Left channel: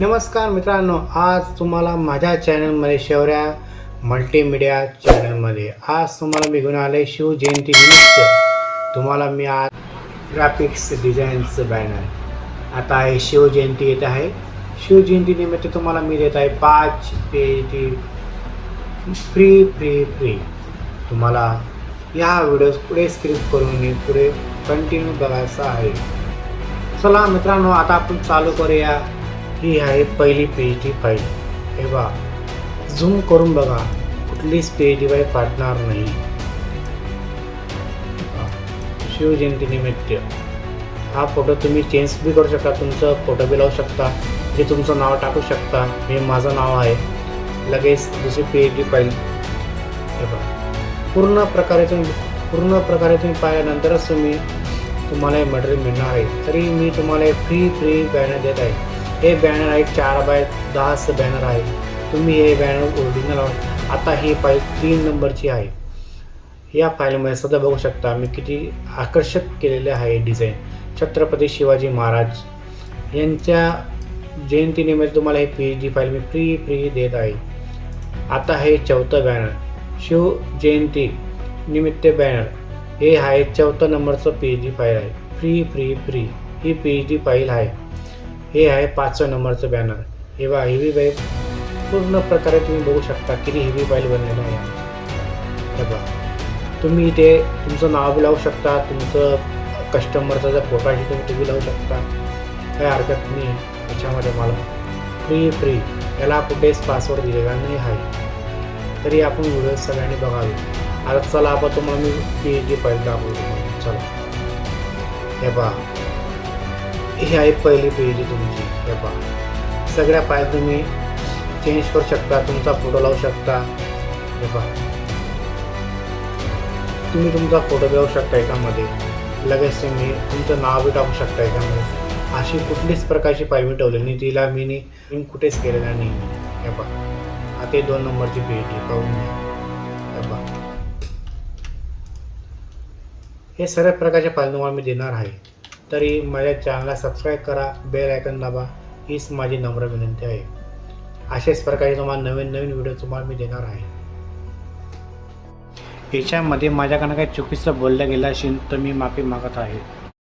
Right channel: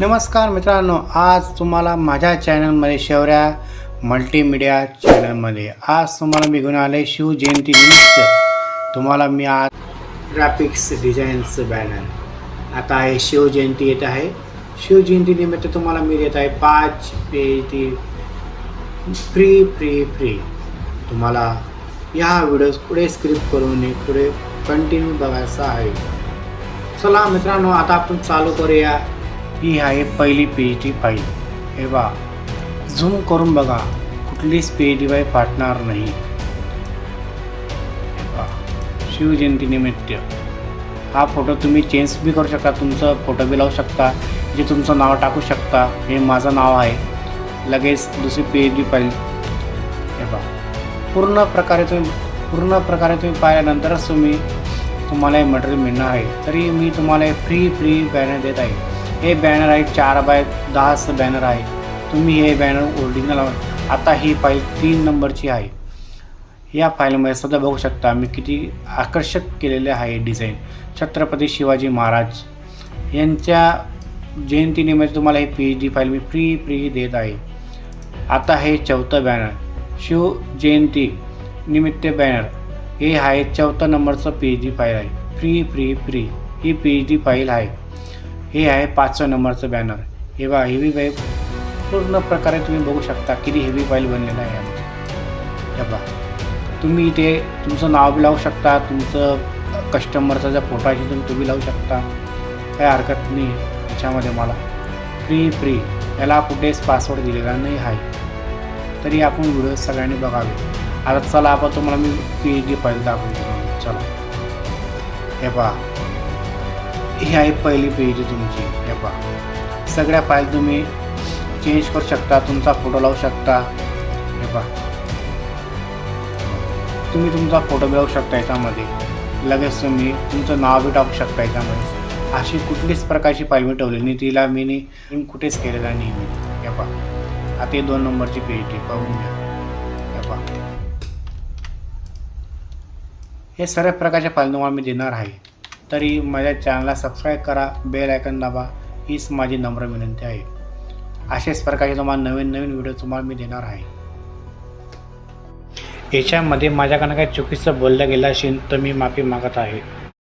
नमस्कार मित्रांनो, आज तुम्हाला माझ्या चॅनलमध्ये शौर्या मल्टीमीडिया चॅनलमध्ये आज तुम्हाला मी घेऊन आले शिवजयंतीनिमित्त तुम्हाला मी आज ग्राफिक्स डिझाईनचं बॅनर आता आहे शिवजयंती येत आहे. शिवजयंतीनिमित्त तुम्हाला मी देत आहे 5 पेज फ्री. तुम्हाला या व्हिडिओज पुढे स्क्रिप्ट करून पुढे कंटिन्यू बघायचं आहे. चला मित्रांनो, आता आपण चालू करूया. ही आहे पहिली PhD फाईल. हे बघा, झूम करून बघा, कुठलीच PhD फाईल फाटणार नाही. शिवजयंतीनिमित्त हा फोटो तुम्ही चेंज बी करू शकता, तुमचं फोटो बी लावू शकता, जे तुमचं नाव टाकू शकता. हे माझं नाव आहे. लगेच दुसरी PhD फाईल. हे बघा, पूर्ण प्रकारे तुम्ही पाहिल्यानंतरच तुम्हाला हे मटेरियल मिळणार आहे. तरी मी तुम्हाला फ्री बॅनर देत आहे. हे बॅनर आहे 4x10 बॅनर आहे. तुम्ही हे बॅनर ओरिजिनल आता ही फाईल 3 नंबरची आहे. या फाईलमध्ये सध्या बघू शकता मी किती आकर्षक केलेले आहे डिझाईन. छत्रपती शिवाजी महाराज यांच्या जयंतीनिमित्त तुम्हाला हे PhD फाईल मी फ्री देत आहे. आता हे 4थं बॅनर शिवजयंती निमित्त बॅनर. हे आहे 4थं नंबरचं PhD फाईल आहे. फ्री ही PhD फाईल आहे. हे आहे 5व्या नंबरचं बॅनर. हे बघा, हेवी फाईल पूर्ण प्रकारे तुम्ही बघू शकता किती हेवी फाईल बनलेलं आहे. हे बघा, तुम्ही इथे तुमचं नाव बी लावू शकता, तुमचं कस्टमरचा जर फोटो आहे तुम्ही तो बी लावू शकता. काही हरकत नाही आहे त्याच्यामध्ये. मला फ्री याला कुठेच पासवर्ड दिलेला नाही आहे. तरी आपण व्हिडिओ सगळ्यांनी बघावे. आता चला आपण तुम्हाला मी PhD फाईल दाखवतो. चला, हे पहा, ही आहे पहिली PhD तुमची. हे पहा, सगळ्या फाईल तुम्ही चेंज करू शकता, तुमचा फोटो लावू शकता. हे पहा, तुम्ही तुमचा फोटो लावू शकता याच्यामध्ये. लगेच तुम्ही तुमचं नाव बी टाकू शकता याच्यामध्ये. अशी कुठलीच प्रकारची फाईल मी ठेवली नाही, तिला मी कुठेच केलेला नाही. हे पहा, आता 2 नंबरची PhD करून घ्या. हे पहा, हे सर्व प्रकारच्या फाईल तुम्हाला मी देणार आहे. तरी माझ्या चॅनलला सबस्क्राईब करा, बेल आयकॉन दाबा, हीच माझी नम्र विनंती आहे. अशाच प्रकारे तुम्हाला नवीन व्हिडिओ तुम्हाला मी देणार आहे. याच्यामध्ये माझ्याकडनं काही चुकीचं बोललं गेलं असेल तर मी माफी मागत आहे.